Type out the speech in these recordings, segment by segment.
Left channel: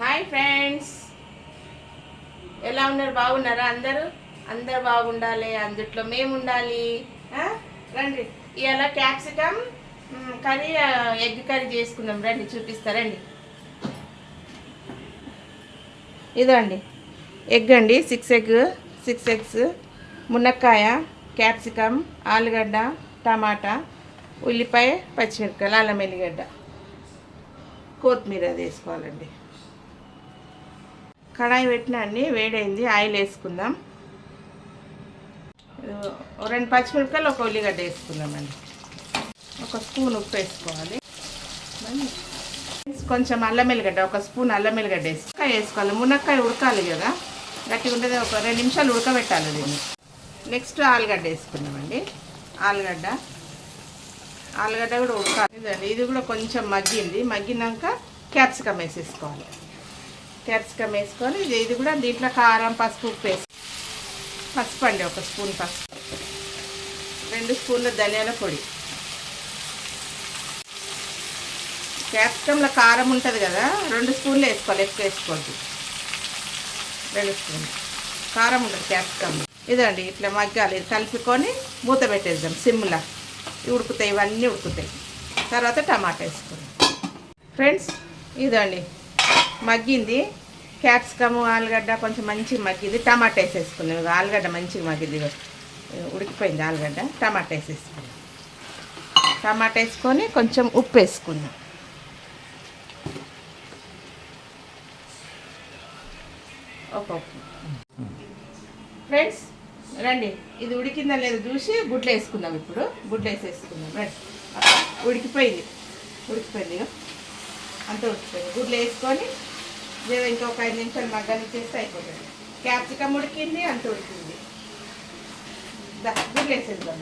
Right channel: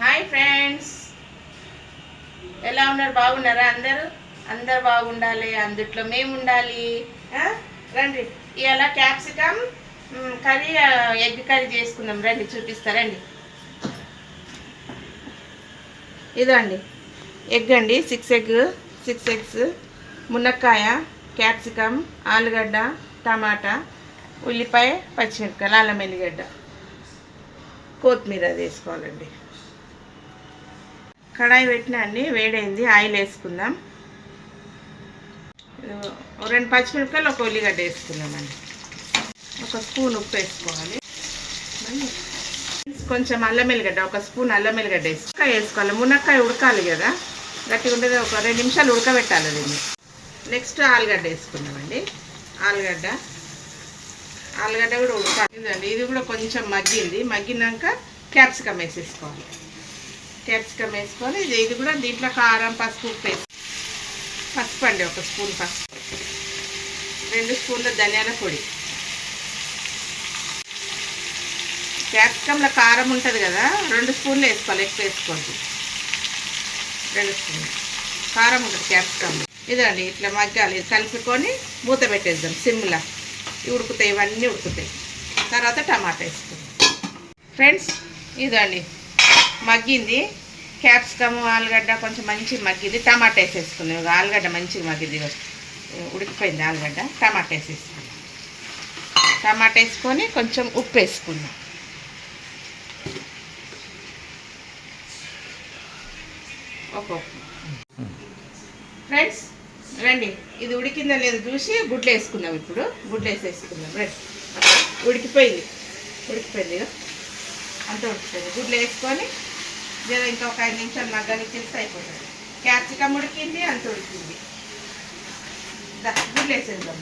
Hi friends, ఎలా ఉన్నారు? బాగున్నారా? అందరు బాగుండాలి, అందుట్లో మేము ఉండాలి. రండి, ఇవాళ క్యాప్సికమ్ కర్రీ, ఎగ్ కర్రీ చేసుకుందాం. రండి, చూపిస్తారండి. ఇదండి ఎగ్ అండి, 6 ఎగ్స్, మునక్కాయ, క్యాప్సికమ్, ఆలుగడ్డ, టమాటా, ఉల్లిపాయ, పచ్చిమిరపకాయలు, అల్లం ఎల్లిగడ్డ, కొత్తిమీర వేసుకోవాలండి. కడాయి పెట్టినా అండి, వేడైంది. ఆయిల్ వేసుకుందాం. 2 పచ్చిమిరపకాయలు, 1 ఉల్లిగడ్డ వేసుకుందామండి. 1 స్పూన్ ఉప్పు వేసుకోవాలి. కొంచెం అల్లం ఎల్లిగడ్డ, 1 స్పూన్ అల్లం ఎల్లిగడ్డ వేసుకోవాలి. మునక్కాయ ఉడకాలి కదా, గట్టిగా ఉండేది. 2 నిమిషాలు ఉడకబెట్టాలి దీన్ని. నెక్స్ట్ ఆలుగడ్డ వేసుకున్నామండి. ఆలుగడ్డ కూడా ఉడకాలి. ఇదండి, ఇది కూడా కొంచెం మగ్గినాక క్యాప్సికమ్ వేసేసుకోవాలి. క్యాప్సికమ్ వేసుకొని ఇది కూడా దీంట్లో కారం, పసుపు, పసుపు అండి, 1 స్పూన్ పసుపు, 2 స్పూన్ల ధనియాల పొడి. క్యాప్సికంలో కారం ఉంటుంది కదా, 2 స్పూన్లు వేసుకోవాలి, ఎక్కువ వేసుకోవద్దు. 2 స్పూన్లు కారం ఉంటుంది క్యాప్సికమ్. ఇదండి, ఇట్లా మగ్గాలి. కలుపుకొని మూత పెట్టేద్దాం సిమ్లా. ఉడుకుతాయి, ఇవన్నీ ఉడుకుతాయి. తర్వాత టమాటా వేసుకుందాం. ఫ్రెండ్స్, ఇదండి మగ్గింది. క్యాప్సికమ్, ఆలుగడ్డ కొంచెం మంచిగా మగ్గింది. టమాటా వేసేసుకున్నాం. ఆలుగడ్డ మంచిగా మగ్గింది, ఉడికిపోయింది ఆలుగడ్డ. టమాటా వేసేసుకున్నాం. టమాటా వేసుకొని కొంచెం ఉప్పు వేసుకుందాం. ఫ్రెండ్స్ రండి, ఇది ఉడికిందా లేదు చూసి గుడ్లు వేసుకుందాం. ఇప్పుడు గుడ్లు వేసేసుకుందాం. రండి, ఉడికిపోయింది అంత ఉడికిపోయింది. గుడ్లు వేసుకొని ఇంకా ఒక 5 నిమిషాలు మగ్గనిచ్చేస్తే అయిపోతుంది. క్యాప్సికమ్ ఉడికింది, అంత ఉడికింది. గుడ్లు వేసేద్దాం.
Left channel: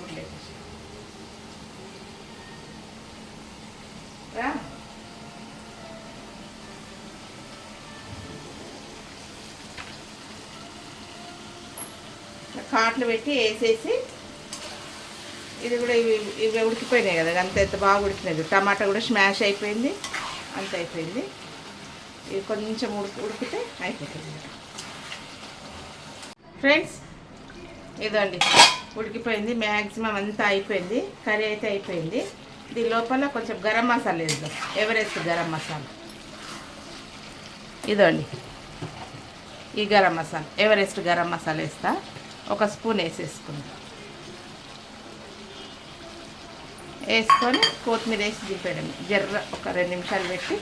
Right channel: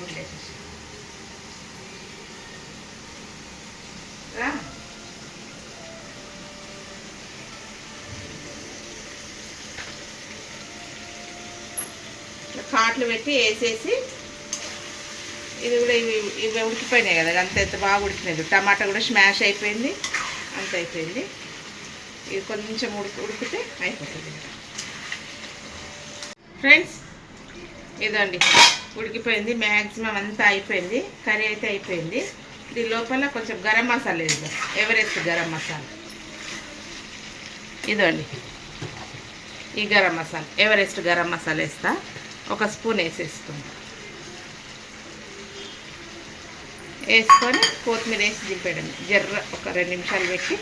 గుడ్లు వేసేసి కాట్లు పెట్టి వేసేసి, ఇది కూడా ఇవి ఉడికిపోయినాయి కదా, అంత ఎంత బాగా ఉడికినది. టమాటా కూడా స్మాష్ అయిపోయింది, అంత అయిపోయింది. ఇది కొంచెం ఉడికితే అయిపోతుంది. ఫ్రెండ్స్, ఇదండి ఉడికిపోయింది, మ్యాక్సిమం అంతా అయిపోయింది. కర్రీ అయితే అయిపోయింది. దీని లోపల కొంచెం గరం మసాలా వేద్దాం. ఎవరెస్ట్ గరం మసాలా. ఇదండి ఈ గరం మసాలా, ఎవరెస్ట్ గరం మసాలా వేస్తా. 1 స్పూన్ వేసేసుకుందాం. వేసుకొని కొత్తిమీర వేసి దింపేయడం. ఒక 2 నిమిషాలు పెట్టి.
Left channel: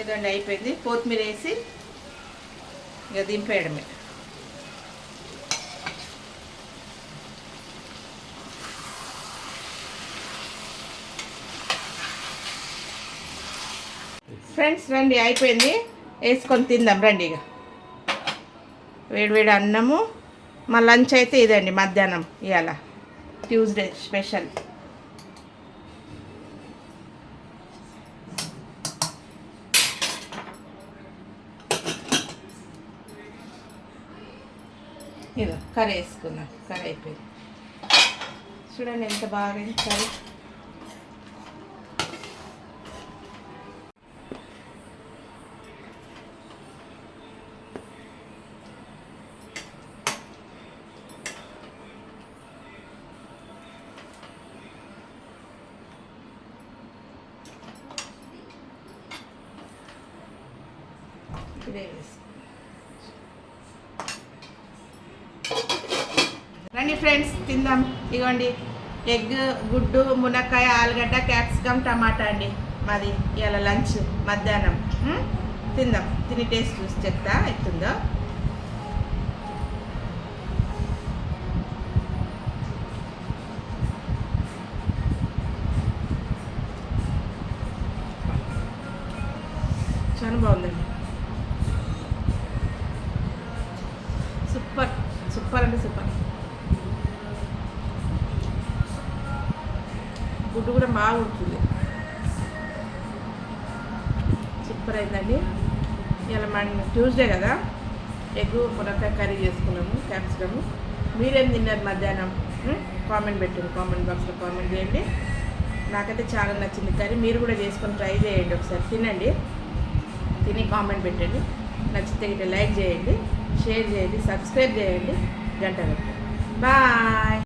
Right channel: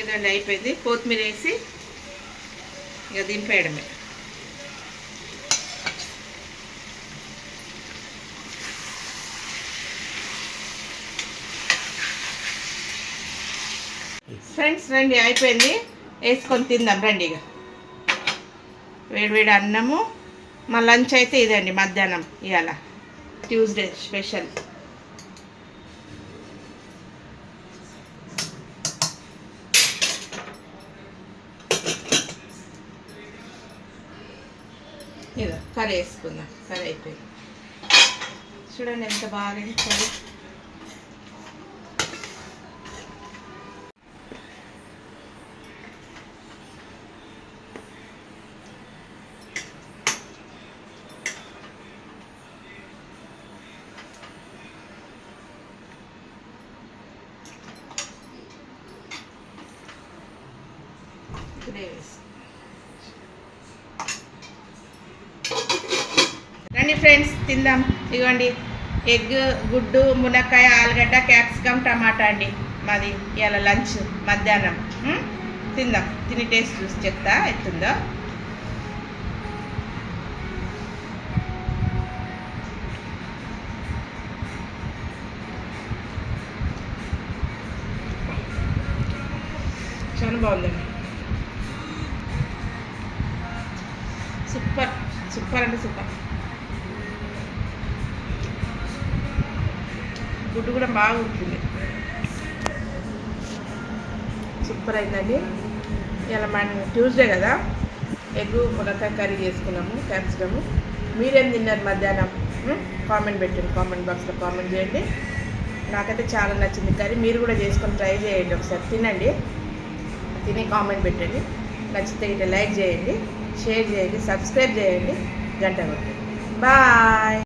ఇదండి అయిపోయింది. కొత్తిమీర వేసి ఇక దింపేయడమే. ఫ్రెండ్స్ రండి, అయిపోయింది. వేసుకొని తిందాం రండి. ఇక వేడివేడి అన్నము. మా లంచ్ అయితే ఇదండి, మధ్యాహ్నం ఇవాళ ట్యూస్డే స్పెషల్. ఇదో కర్రీ వేసుకుందాం. కర్రీ అయిపోయింది. చూడండి ఎంత బాగా కర్రీ. రండి ఫ్రెండ్స్, తిందాం. ఇదిగోండి ఎగ్, గుడ్డు, మునక్కాయ, ఆలుగడ్డ, క్యాప్సికమ్, టమాటా అండి మాది ఇవాళ లంచ్ మధ్యాహ్నం. తిందాం. తిని టేస్ట్ చూసి చెప్తా ఎట్టుందో. చాలా బాగుందండి. సూపర్ అంటే సూపర్. గుడ్డు కూడా బాగా ఉడికింది. సూపర్ అయిందండి. ఇలా మనం ట్యూస్డే కదా, ఎగ్ మునక్కాయ కర్రీ చేసుకున్నాము, క్యాప్సికము. మీరేం తిన్నారు మధ్యాహ్నం? కామెంట్ పెట్టండి, కామెంట్ బాక్స్లో కామెంట్ చేయండి. నాకైతే చాలా నచ్చింది కర్రీ. మీరు కూడా చేసుకొని ట్రై చేయండి, ఒకసారి తినండి, తిని కామెంట్ పెట్టండి. నచ్చితే ఇట్లా లైక్ చేయండి, షేర్ చేయండి, సబ్స్క్రైబ్ చేయండి, గంట కొట్టండి. బాయ్.